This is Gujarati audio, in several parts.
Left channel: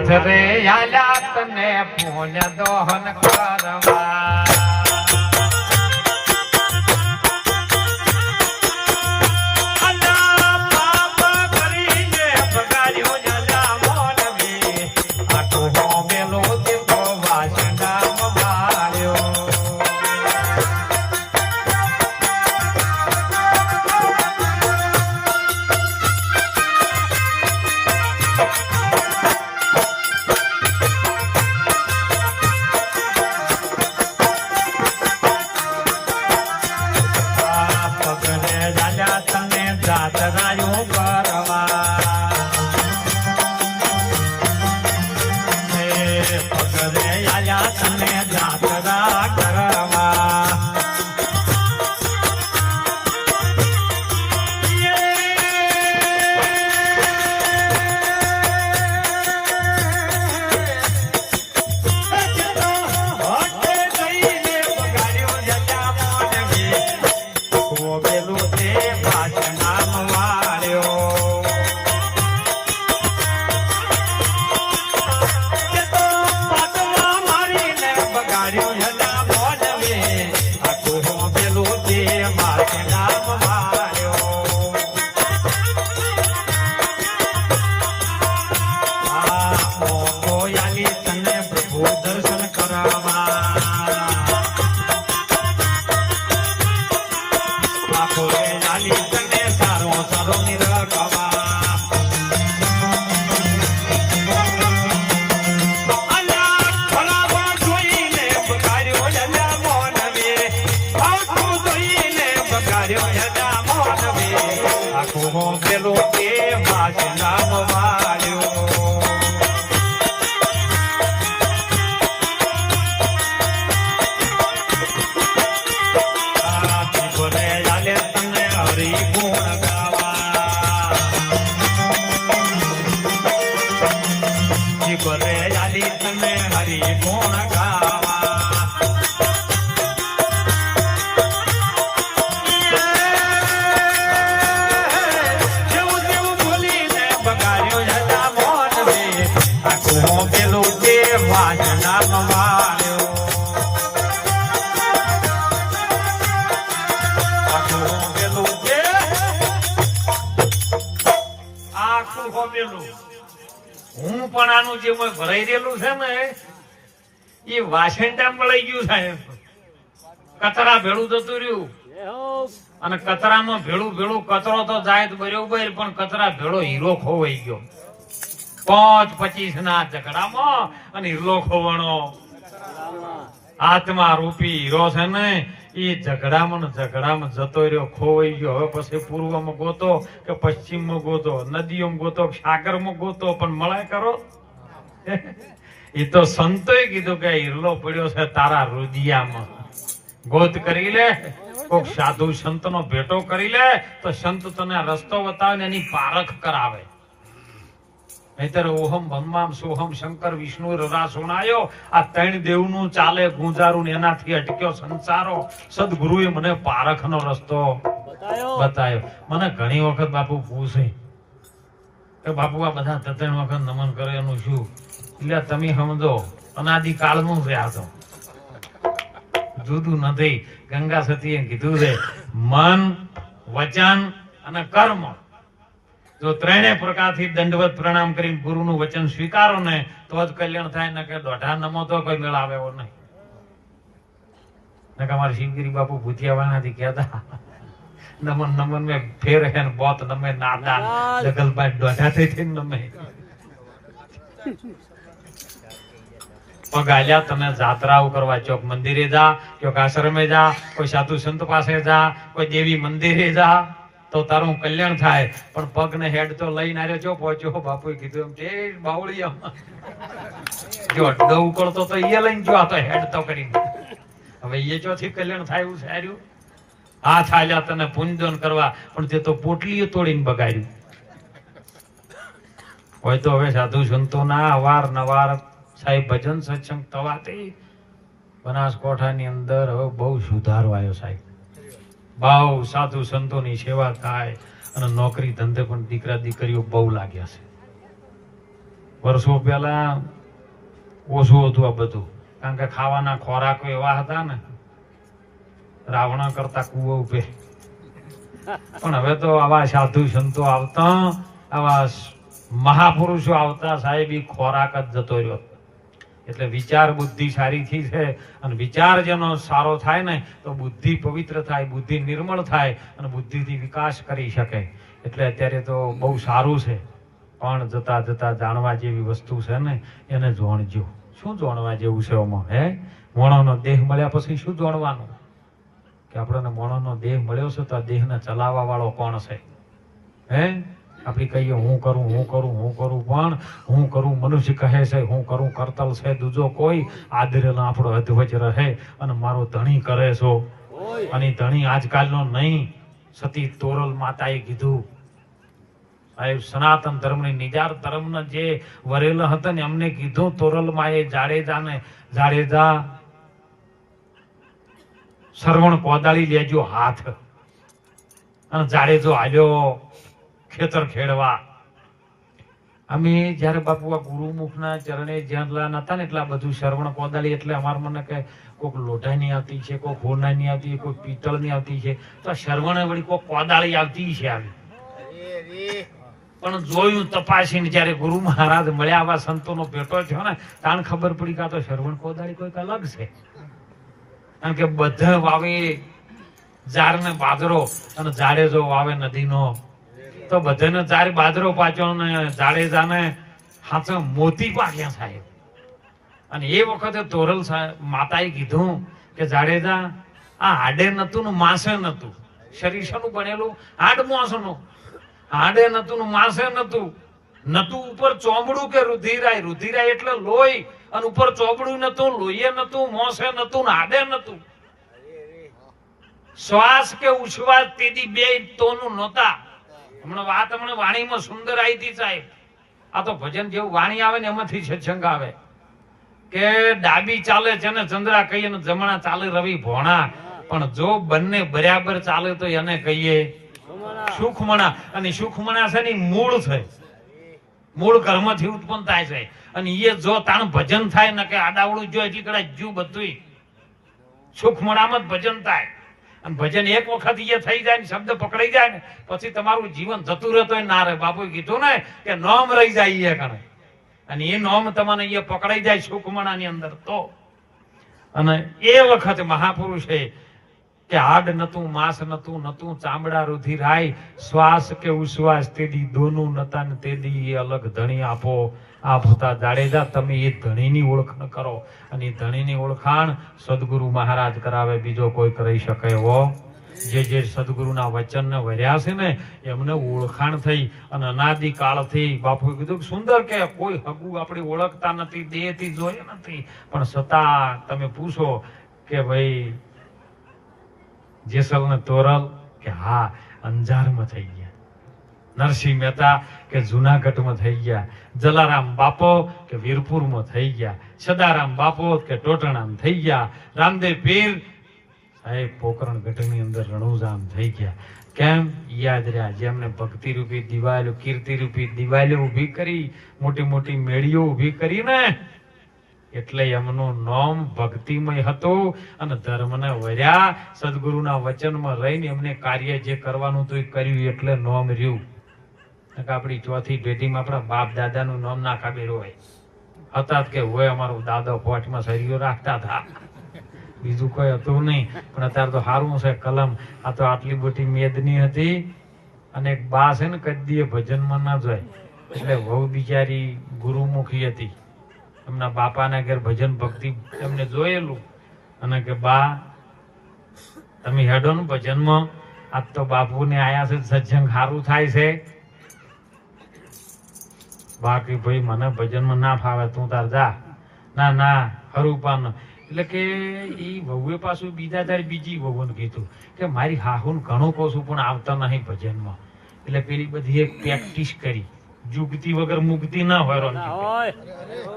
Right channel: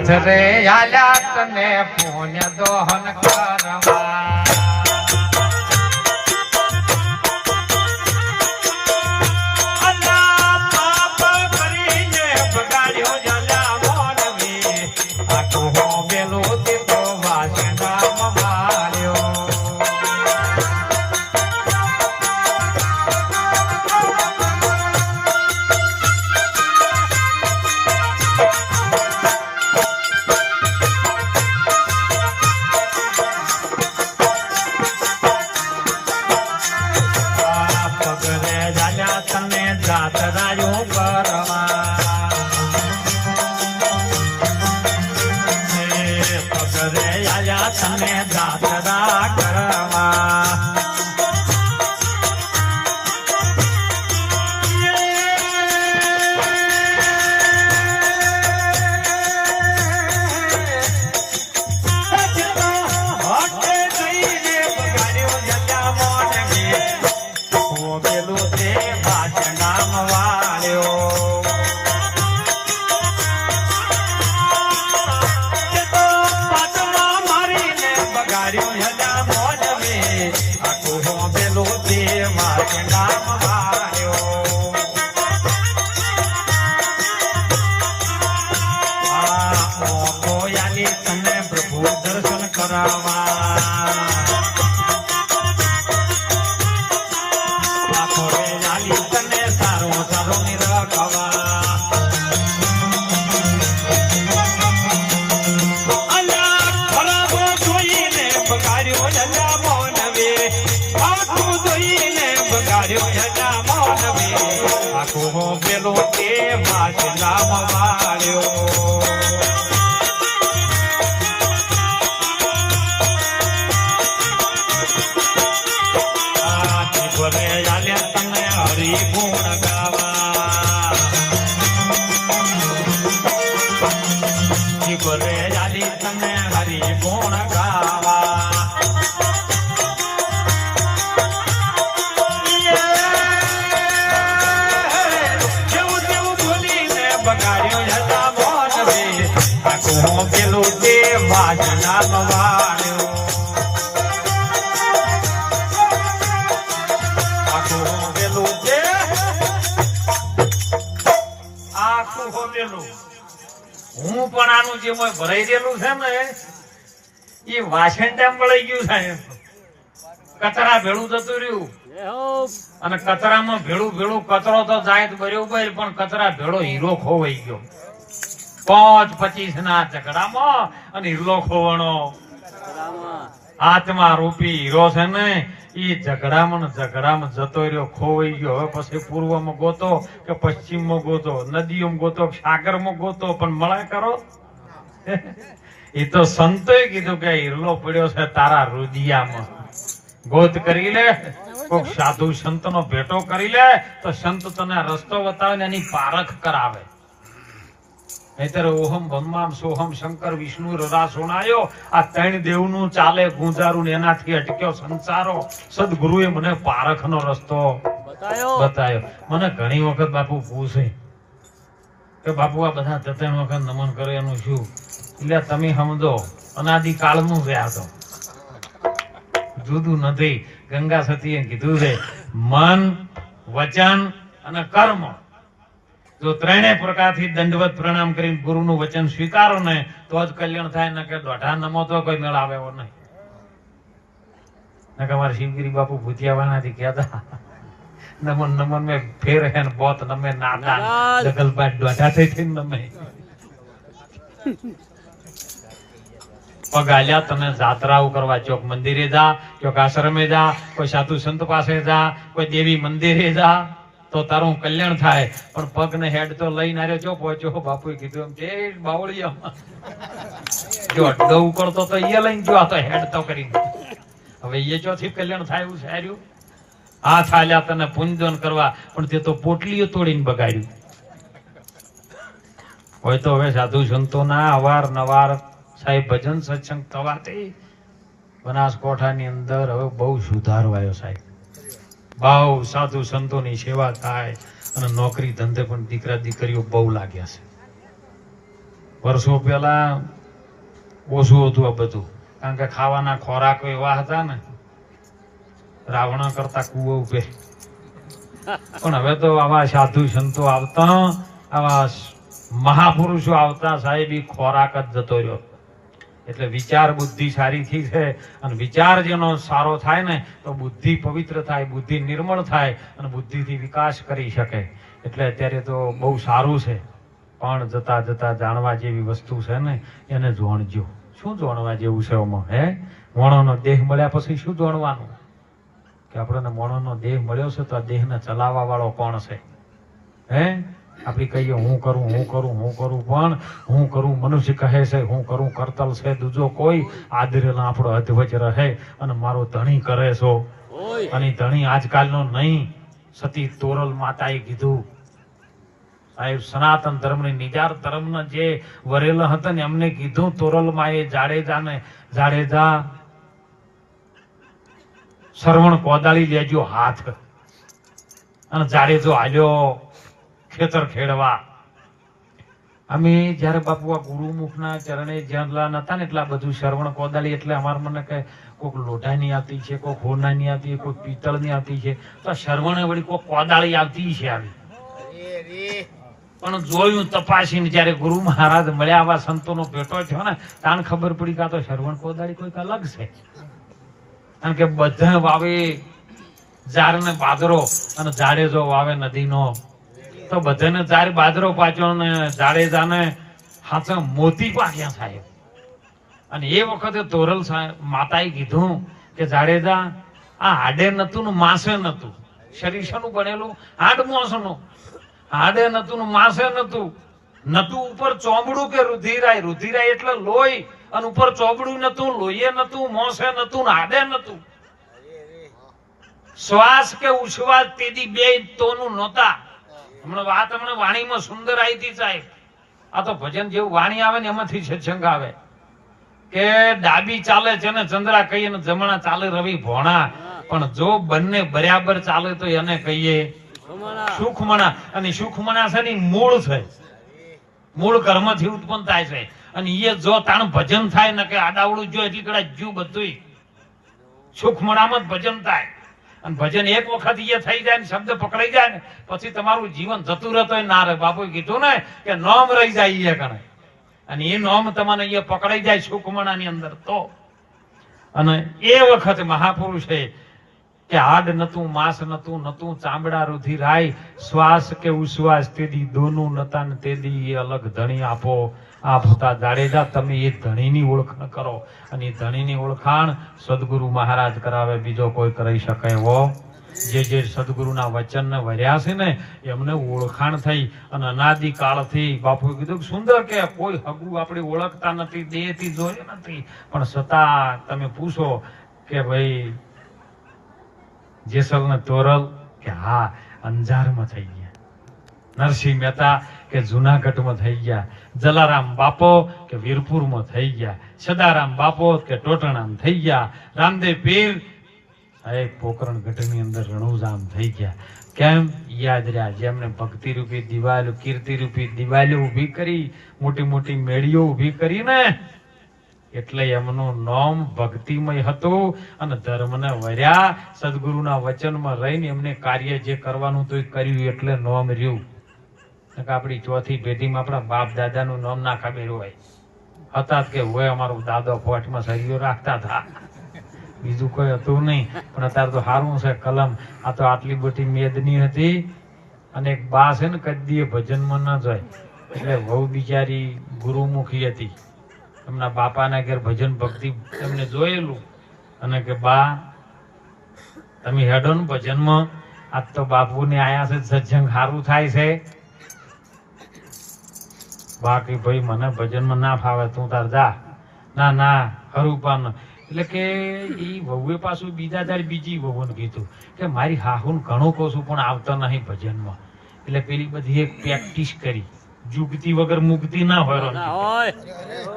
નાથ રે આલ્યા તને પુણ્ય દોહન કરવા હું પણ આનું જે ભરાઈ રહેલું છે ને એ વાસણ ટાઈમ વળાઈ ગયું સાહેબ કચરા ભેળું જતું રહ્યું અને કચરામાં ભેળું ભેળું કચરો તો જાય બરોબર પણ કચરા ભેળો હીરો ખોવાઈ ગયો 5-25 ના ઝઘડામાં અને હીરો ખોવાનો હાથમાં રૂપી હીરો છે ને એ ઝઘડામાં જતો રહ્યો ખોવાઈ ગયો હવે પછી પૂર્વમાં ગોતો કે પશ્ચિમમાં ગોતો નદીઓમાં ગોતો સાગરમાં ગોતો પણ મળે કરો એ તો સંતોએ કીધું કે હીરલો પડ્યો છે તારા રુદિયામાં ગોત કરી લે કોક સાધુ સંતનો ભેટો કરી લે તો સંત તને રસ્તો બતાવે ને એની પારખ કરાવે નહીતર ઓહમ બ્રહ્મામ સોહમ શંકર વિષ્ણુ રરા સુણાયો આ 3 દેવનું ચાલે ગુંજારું એનાથી અટક્યો સંસારો સદગુરુએ મને પારખનો રસ્તો બતાવ્યો મને ઘણી વખત બાપુ પૂછે કે બાપુ આ બધા 3 વખત નમન કરે એનું શું એટલે તમે સમજો અનાદિ કાળનું છે આ તો જુદું નથી ગંગા સતીએ કીધું છે મન વચન અને કર્મ જો 3 પ્રકારથી દંડવત પ્રણામ કરીને ગુરુનું વચન સ્વીકારો ને તો જ કલ્યાણ થાય ને કે દોઢા નમો તો કોઈ મેળ આવે એવો નહીં ને અમારે શિવગીરી બાપુ ભૂતિયાવાનાથી કહેતા નમન નમન મેં ફેર હે ને બોત નમે નાદા જગલબાઈ દોઢા થઈ નમે પગ આલ્યા તમે જાત્રાઓ કરવા ચોક મંદિરે જા ચોક આશ્રમે જા કોઈ સાધુ સંત પાસે જા કોઈ દેવી મંદિરે જા તો તારું કલ્યાણ થાય પણ પગ ને હેડ તો લઈને આરે જો પહોંચ્યો બાપુએ કીધું એમ તે બાવળિયા જો અડ્ડો ઉકળતો તો એ લઈને જો આ તો હેડ તો કરી હવે એ ચોથી કલ્યાણ થાય એવું સાર્યું હાથ આલ્યા તને પુંજન કરવા પણ તે તો પોટલીઓ તોડીને બગાડ્યું હોય તો હવે સાધુ સંતોના અવારનવાર સાહેબ ભજન સત્સંગ થવાથી બનાસકોઠાની અંદર હવે બહુ સુધારો આવ્યો સાહેબ બહુ સાધુ સંતોની સેવા થાય અને નોકરી ધંધે પણ દીકરા દીકરીઓ બહુ લાગ્યા છે વર્ષો પહેલા ઓછું હતું આ બધું, કારણ કે ખાવાના ખોરાકો એવા હતા ને રાવણ કરતા કુવો ઉપે. પણ હવે તો આવા સાધુ સંતો આવતા, આવા મહાપુરુષો આવતા, સાહેબ ઈ ખોરાક જ જતો રહ્યો. એટલે વિચાર બુદ્ધિ સારી થઈ છે, અને વિચાર જેનો સારો થાય ને તો બુદ્ધિ પવિત્ર થાય, બુદ્ધિ નિર્મળ થાય, અને બુદ્ધિથી વિકાસ કરી શકે. એટલે અત્યારે તો બહુ સારું છે, પણ જતા જતા જાણવા જેવી વસ્તુ છે ને એને જોણજો. શું જોણવા જેવું છે આમાં? હે, મોણોનો દેહ મળ્યા પછી શું જોણવાનું? કે આપણને મોણોનો દેહ મળ્યો છે તો આ દેહને ચલાવવા વાળો કોણ છે? હે, આપણે કહીએ હું કરું હું કરું હું કરું, પણ હું કરું મનુષ્ય કહે છે, હું કરું કરતલ છે દૂજો કોઈ, આદરેલા આપણો અધ્વજ રહે અને મારો ધણી કરે છો. અને ધણી આજકાલનો નહીં, સતી તોરલ માતાએ કીધું, સાહેબ સનાતન ધર્મની નિજાર ધર્મના જે વરેલા હતા ને એમને કીધું તોરલમાં એ જાડેજા સરવણ કોદાળી લેજો હાથ, અને જાડેજો હાલ્યો ખેતર ખેડવા. અમે જયારે બાપુ આ ગુરુમુખના ચરણે જ્યાં નતા ને એટલે બધું શ્રવણ કોદાળી, એટલે અમારે મને કે કોઈક લોઢાની આવતી છે, કોઈક હોનાની આવતી છે, કોઈક પિત્તળની આવતી છે, તો શ્રવણ વળી કોઈક કોદાળી આવતી છે આવી. પણ જોયું તપાસીને જયારે ગુરુ મહારાજ મળ્યા, આવા સંતોનો ભેટો થયો ને તાણ ખબર પડી કે આ તો શ્રવણ કોદાળી કોઈક અલગ છે. કારણ કે બધા વાવે ઝાર ને બાદરો, અને જાડેજો વાવે નદીનો, તો બધાને ઝાર બાદરો પાછો ને જાડેજાને હાથે મોતી પાક્યા સાહેબ. અને એ વખતે તોરલ માતાએ કીધું કે જાડેજા આ હાડે નતું ને માસે નતું, શરીર શાનું બનેલું? હાડ માસનું. હાડે નતું ને માસે નતું, નતું ઉપર ચોમડું કે રુધિરાય, રુધિરાય એટલે લોહી, અને ઉપર ચોબડું નતું, લોહીએ નતું, મોસે નતું, હાડે નતું. શ્વાસ કે ઉશ્વાસ તેદી બે તોનું નહોતા. હમણાં વાણીમાં સુંદર આવી હતી સાહેબ. આ તો ભજન જેવું વાણી આવે ને એમાંથી સત્સંગ આવે કે ડાબી ચાલે છે ને ચંદ્રા કહીએ ને જમણા ચાલે રવિ ભોણા, પણ જો બંને બરાબર ચાલે તો એને કહીએ સુખમણા. અને સુખમણા છે ને મૂળ છે, મૂળ કર્મથી ઉત્પન્ન થાય છે. અને એ જો તાણ ભજન થાય ને કે આડાવડું જો એટલી કડા જીવ બધું સુખમણામાં જ ભજન થાય. અને ભજન એક વખત એ થઈ જાય ને શબ્દ પકડાઈ જાય ને પછી તમારું જીવન જતું રહેતો ના રહે. બાપુએ કીધું ને કે નોમ રહી જાય એ કણે, અને એ નોમ તમને એ પકડાઈ જાય સુખમણાની અંદર તો. અને એ વખતે મહાપુરુષે કે હાડ નતું, માંસ નતું, નતું ચામડા રુધિરાય, શ્વાસ કે ઉશ્વાસ તેદી દોનું નતા ને તેદી એ અલગ ધણી આપો. આપ હતા જાડેજા, તમે એ ધણીની ઓળખાણ કરો, અને એ ધણીની ઓળખાણ સદગુરુ મહારાજ કરાવે, બીજો કોઈ કરી શકે એવો. જે સદગુરુના વચનને વર્યા છે ને એમને ઓળખાણ થઈ. અને અનાદિ કાળથી બાપુએ કીધું સુંદર કે કોઈ હગું આપણે ઓળખતા નથી, દેહથી જોઈએ નથી, પણ છતાં તમે પૂછો કે ભાઈ જેસલ ને તોરલ, કે હા અંજારમાં થઈ ગયા. નરસિંહ મહેતા કે જુનાગઢમાં થઈ ગયા. જલારામ બાપો કે વીરપુરમાં થઈ ગયા. સદારામ બાપો કે ટોટણામાં થઈ ગયા. રામદેવ પીર સાહેબ પોકરણ ગઢની અંદર રણુજામ થઈ ગયા. કેમ? યાદ રહ્યા જેમને ભક્તિ રૂપી દિવાલો, કીર્તિ રૂપી દિવાલો ઉભી કરી, મોટી મોટી મેળીઓ ઉભી કરી ને, એટલે એમનું નામ ભક્તિમય હતું. અને ધર્મને વર્યા, સદગુરુના વચનમાં રહીને એમને કાર્ય જે કરવાનું હતું એ કર્યું, એટલે નામ રહ્યું. આપણી ચોથી પેઢીમાં આપણા બાપ દાદાનું નામ ના ખબર હોય હતા કે હોય અમારું દાદો ફોટમાં સરીઓ રાખતા હતા, બીજું કોઈ હતું નહીં. પણ અત્યારે તો સારું છે કલમ. આ તો આટલી મોટી મેદની હતી, અને એક બા છે ને કદી ભજનમાં ન જાય, એટલે બહુ બિચારી ગુરુમુખી હતી. એમના બાપાના ઘેર ભજન ભક્તિ એમને જોયેલું, અને કે બા તમે હેડો ને ભજનમાં, આજ તો બાપુને આયા છે, સત્સંગ સારું થાય છે. બાકી ભાઈ મને ભજનમાં ના ફાવે, તું તાર જા. ના ના ખરું પણ. એટલે કે એ વહુએ પાછું બીજા દાડે બીજી વહુને કીધું કે મારી હાહુને ઘણું કહું છું પણ આવતા નહીં ભજનમાં. એટલે પેલી બધી એક પ્રેક્ટિસ કરી, જુગતી વગર મુક્તિ ના હોય.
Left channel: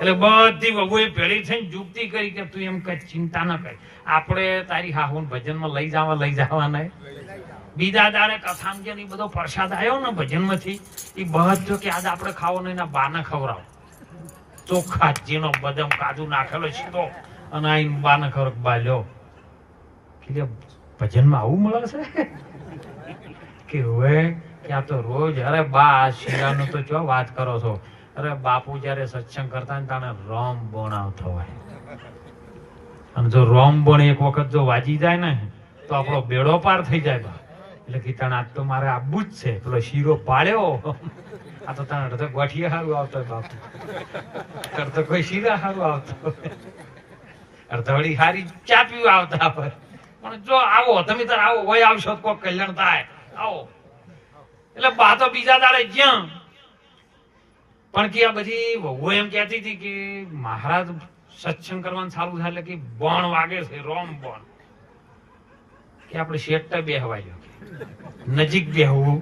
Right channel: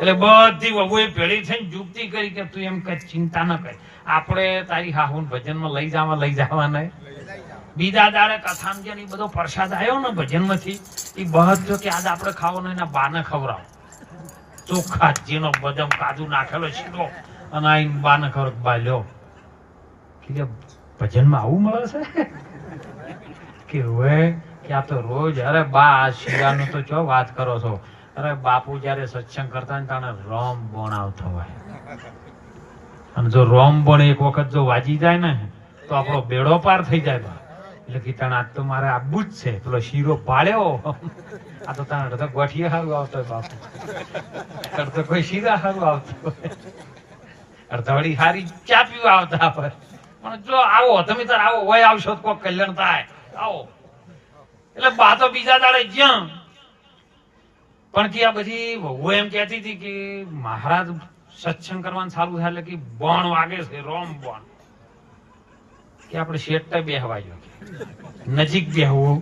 એટલે બધી વહુએ ભેળી થઈને જુગતી કરી કે તું એમ કઈ ચિંતા ના કરી, આપણે તારી હાહુને ભજનમાં લઈ જવા નહીં. બીજા દાડે કથામાં બધો પ્રસાદ આવ્યો ને ભજન માંથી, એ બધો કે આજે આપણે ખાવાનો એના બાને ખવડાવ. ચોખ્ખા ચીનો બદામ કાજુ નાખેલો સીધો અને આઈને બાને ખબર બાલ્યો કે ભજનમાં આવું મળે છે કે હવે કે આ તો રોજ અરે બા આ શિરાનું તો જો વાત કરો છો અરે બાપુ જયારે સત્સંગ કરતા ને તાણે રોમ બોણ આવતો હોય અને જો રોમ બોણ એક વખત જો વાજી જાય ને તો આપણો બેડો પાર થઈ જાય એટલે કે તાણે આજ તો મારે આબુ જ છે પેલો શીરો પાડ્યો આ તો તાણે તો ગોઠિયા સારું આવતો હોય બાપુ તો કોઈ શીરા સારું આવતો અડધવડી સારી ચા પીવા આવતા હોય પણ જો આવો તમે તાર આવો હોય આવશો તો કોઈ કલ્યાણ થાય આવો એટલે બા તો બીજા દાડે જ્યાં પણ કે આ બધી વહુ એમ કહેતી હતી કે મહારાજ સત્સંગ કરવાનું ચાલુ થાય એટલે કે બોણ વાગે છે રોમ બોણ કે આપણે શેઠ બેહવા ગયો નજીક બેહવું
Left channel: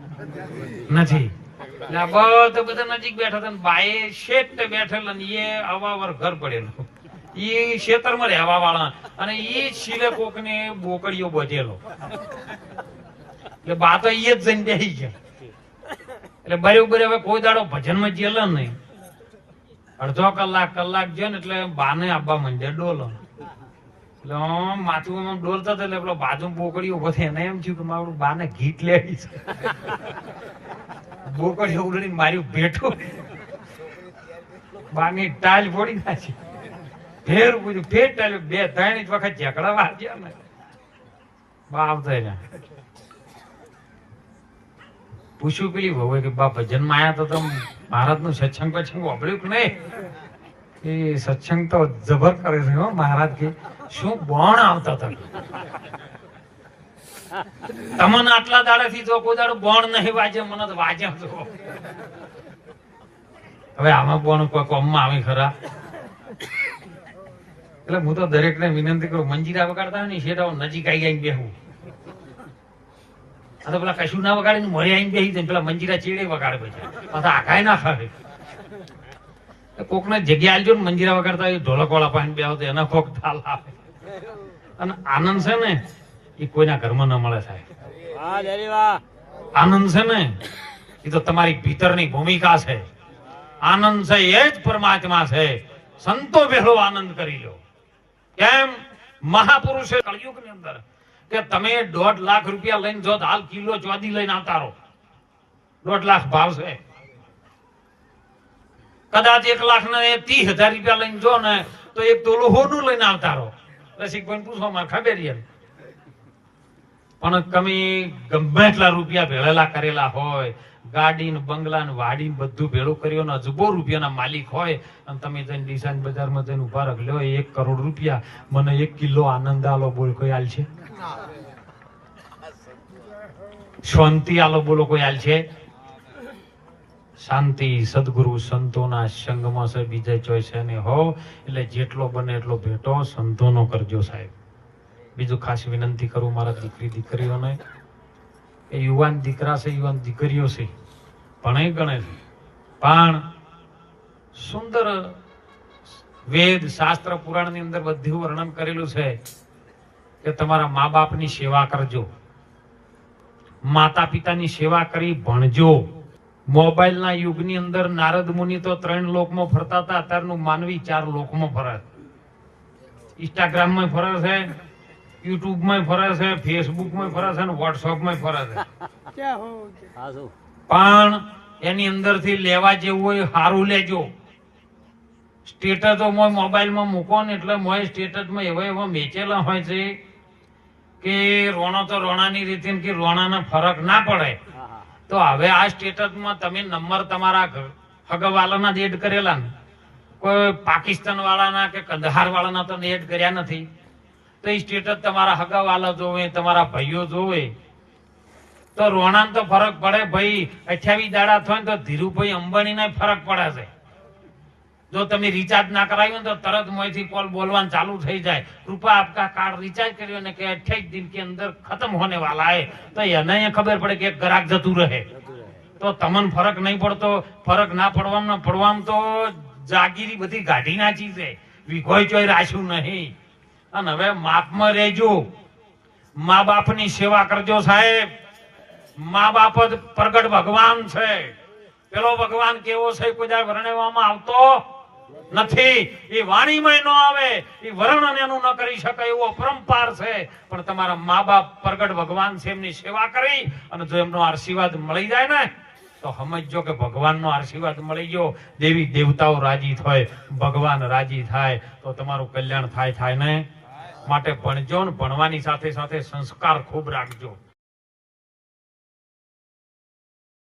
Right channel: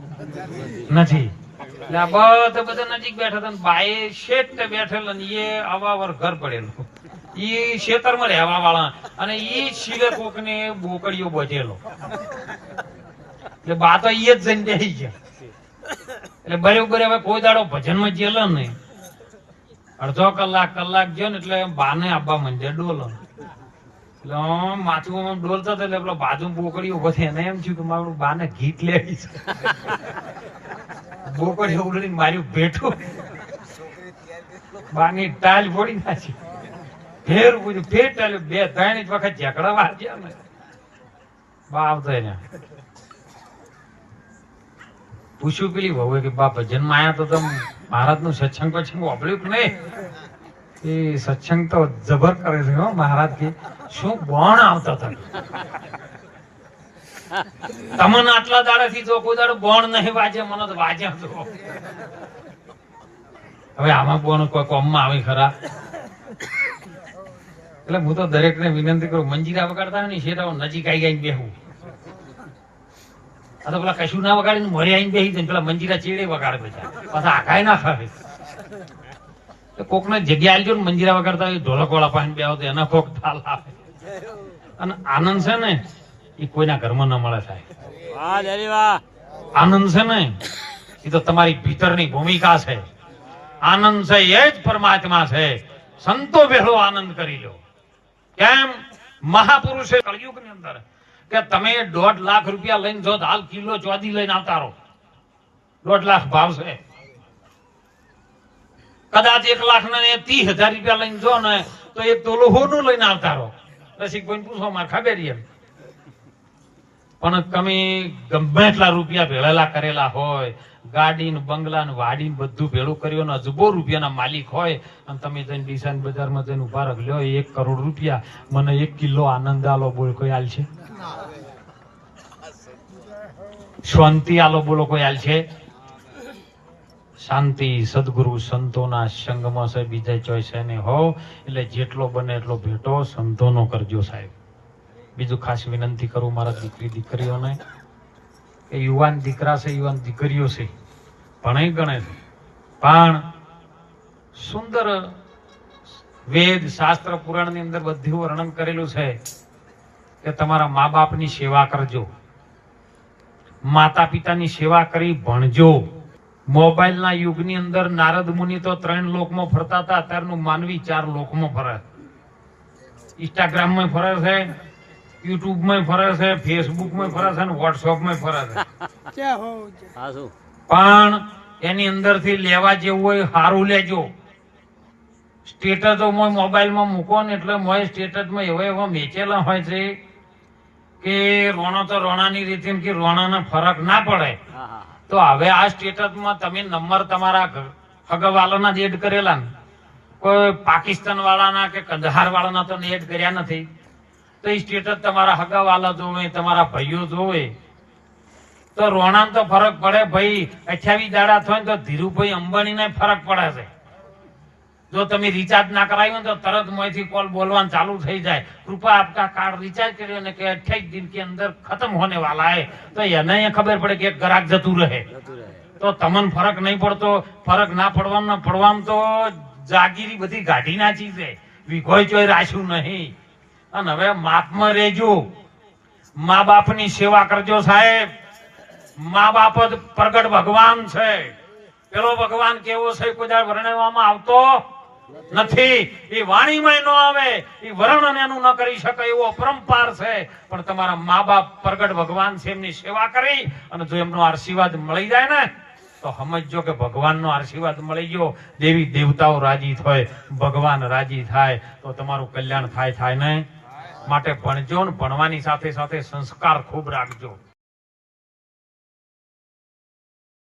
નથી એટલે આ બધા નજીક બેઠા હતા બાએ શેઠ બેઠેલ અને એ અવાવર ઘર પડેલું એ ખેતરમાં રહેવા વાળા અને એ શીલે કોક ને બોકડીઓ બધેલો એટલે બા તો એ જ જઈને બેસી ગયા એટલે બરોબર હવે કોઈ દાડો ભજનમાં જેલો નહીં અડધો કલાક ગયો ને એટલે બાને આબા મંડે ડોલો એટલે માથું ડોલતા હતા એટલે પેલો બાજુ બોકડી ઉભો થઈ એને એમ થયું કે મારું બાને ગીત લેવી છે બોકડી ઉડડીને માર્યું ભેઠું બાની ટાલ ફોડી નાખી ફેર પૂછ્યું ફેર ટાલ્યું બે ત્રણ જ વખત ઝઘડા વાગ્યા ને બા આવતા ને પૂછ્યું પેલી વહુ કે બા ભજનમાં આયા તો તમે મહારાજ નું સત્સંગ પસંગ વાપર્યું કે નહીં એ સત્સંગ તો જબર કરે છે હો મહારાજ કે શું બોણ આવતા હતા તમને આટલા દાડાથી તો કોઈ દાડો બોણ નહીં વાજે મને તો વાજ્યા તો હવે આમાં બોણ કોઈ કોમમાં આવે ખરા એટલે હું તો દરેક ને વિનંતી કરું મંજીરા વગાડતા હોય ને શેરાઓ નજીક આવી ગઈ બેહું આ તો પેલા કશું ના વગાડે ને મરે આવીને બેસી જાય પેલા મંજીરા ચેડે વગાડે પછી આખાય ના ખાવે કોક ને જગ્યા આલજો ને મંજીરા વગાડતા હોય ઢોલક વાળા પાણી બે આવતો એના કોક તાલ આવે અને આનંદ છે ને એ કોઈના ઘરમાં ન મળે સાહેબ આનંદ છે ને એ તો તમારી ભીતરની ભૂમિકા છે આનંદ છે એ જ પરમાત્મા છે સંતો ભેળો આનંદ કરી લો કેમ મહાપુરુષે કળિયુગ ની અંદર કે તમે 1.5 લાખ રૂપિયા લઈને જો હાલ કિલો ચોદી લઈને આવતા રહો 1.5 લાખ ભાવ છે કદાચ 1 લાખ ને 30,000 રૂપિયા લઈને જો ને તો એક તોલું હોનું લઈને આવતા રહો પછી કોઈ પૂછો માં ખબર એમ પણ તમે ગમે એટલા રૂપિયા ભેળેલા કરેલા હોય ગાડી ને બંગલા ને વાડી બધું ભેળું કર્યું અજબો રૂપિયાના માલિક હોય અને તમે જઈને ડિસાઈન બજારમાં જઈને ઉભા રાખ લ્યો 1 કરોડ રૂપિયા મને 1 કિલો આનંદ આલો બોલ કોઈ હાલ છે શાંતિ આલો બોલો કોઈ હાલ છે શાંતિ સદગુરુ સંતોના સંગમાં છે બીજા ચોઈસે ને હો એટલે જેટલો બને એટલો ભેટો સંતોનો કરજો સાહેબ બીજું ખાસ વિનંતી કરું મારા દીકરીઓને એ યુવાન દીકરા છે યુવાન દીકરીઓ છે ભણે ગણે છે પણ સુંદર વેદ શાસ્ત્ર પુરાણ ની અંદર બધું વર્ણન કરેલું છે કે તમારા મા બાપની સેવા કરજો માતા પિતાની સેવા કરી ભણજો મોબાઈલ ના યુગની અંદર નારદ મુનિ તો 3 લોકમાં ફરતા હતા અત્યારનું માનવી 4 લોકમાં ફરે ઇન્સ્ટાગ્રામ માં ફરે છે યુટ્યુબ માં ફરે છે ફેસબુક માં ફરે છે અને વોટ્સઅપ માં ફરે છે પણ એની અંદર થી લેવા જેવું હોય સારું લેજો સ્ટેટસો મોબાઈલ માં મૂકો ને એટલે મોય સ્ટેટસ માં એવા વેચેલા હોય છે કે રોણો તો રોણાની રીતે કે રોણાના ફરક ના પડે તો હવે આ સ્ટેટસ માં તમે નંબર તમારા હગાવાલાના જ એડ કરેલા ને કોઈ પાકિસ્તાન વાળાના કે કંદહાર વાળાના તો એડ કર્યા નથી તો એ સ્ટેટસ તમારા હગાવાલા જોવે તમારા ભાઈઓ જોવે તો રોણામ તો ફરક પડે ભાઈ 28 દાડા થાય તો ધીરુભાઈ અંબાણીને ફરક પડે છે જો તમે રિચાર્જ ના કરાવ્યું તો તરત મોંથી કોલ બોલવાનું ચાલુ થઈ જાય કૃપા આપકા કાર્ડ રિચાર્જ કર્યો ને કે 28 दिन के अंदर खत्म होने वाला है तो એને ખબર પડે કે ગ્રાહક જતું રહે તો તમને ફરક નહીં પડતો ફરક ના પડવામાં તો જાગીરી બધી ગાઢી નાચી છે વિઘોય ચોય રાખ્યું નહીં અને હવે માપમાં રહેજો મા બાપની સેવા કરજો સાહેબ મા બાપ જ પ્રગટ ભગવાન છે પેલો ભગવાન કેવો છે કોઈ દાડો વર્ણવવામાં આવતો નથી. એ વાણીમાં ન આવે, એ વર્ણન એનું ન કરી શકે એવો અપરંપાર છે. પણ તમારા મા બાપ પ્રગટ ભગવાન છે, એમની સેવા કરી અને જો એમનો આશીર્વાદ મળી જાય ને તો સમજજો કે ભગવાનનો આશીર્વાદ મળી ગયો. દેવી દેવતાઓ રાજી થાય, ભગવાન રાજી થાય તો તમારું કલ્યાણ થાય ને. માટે ભણજો ને ભણવાની સાથે સાથે સંસ્કાર ખૂબ રાખજો.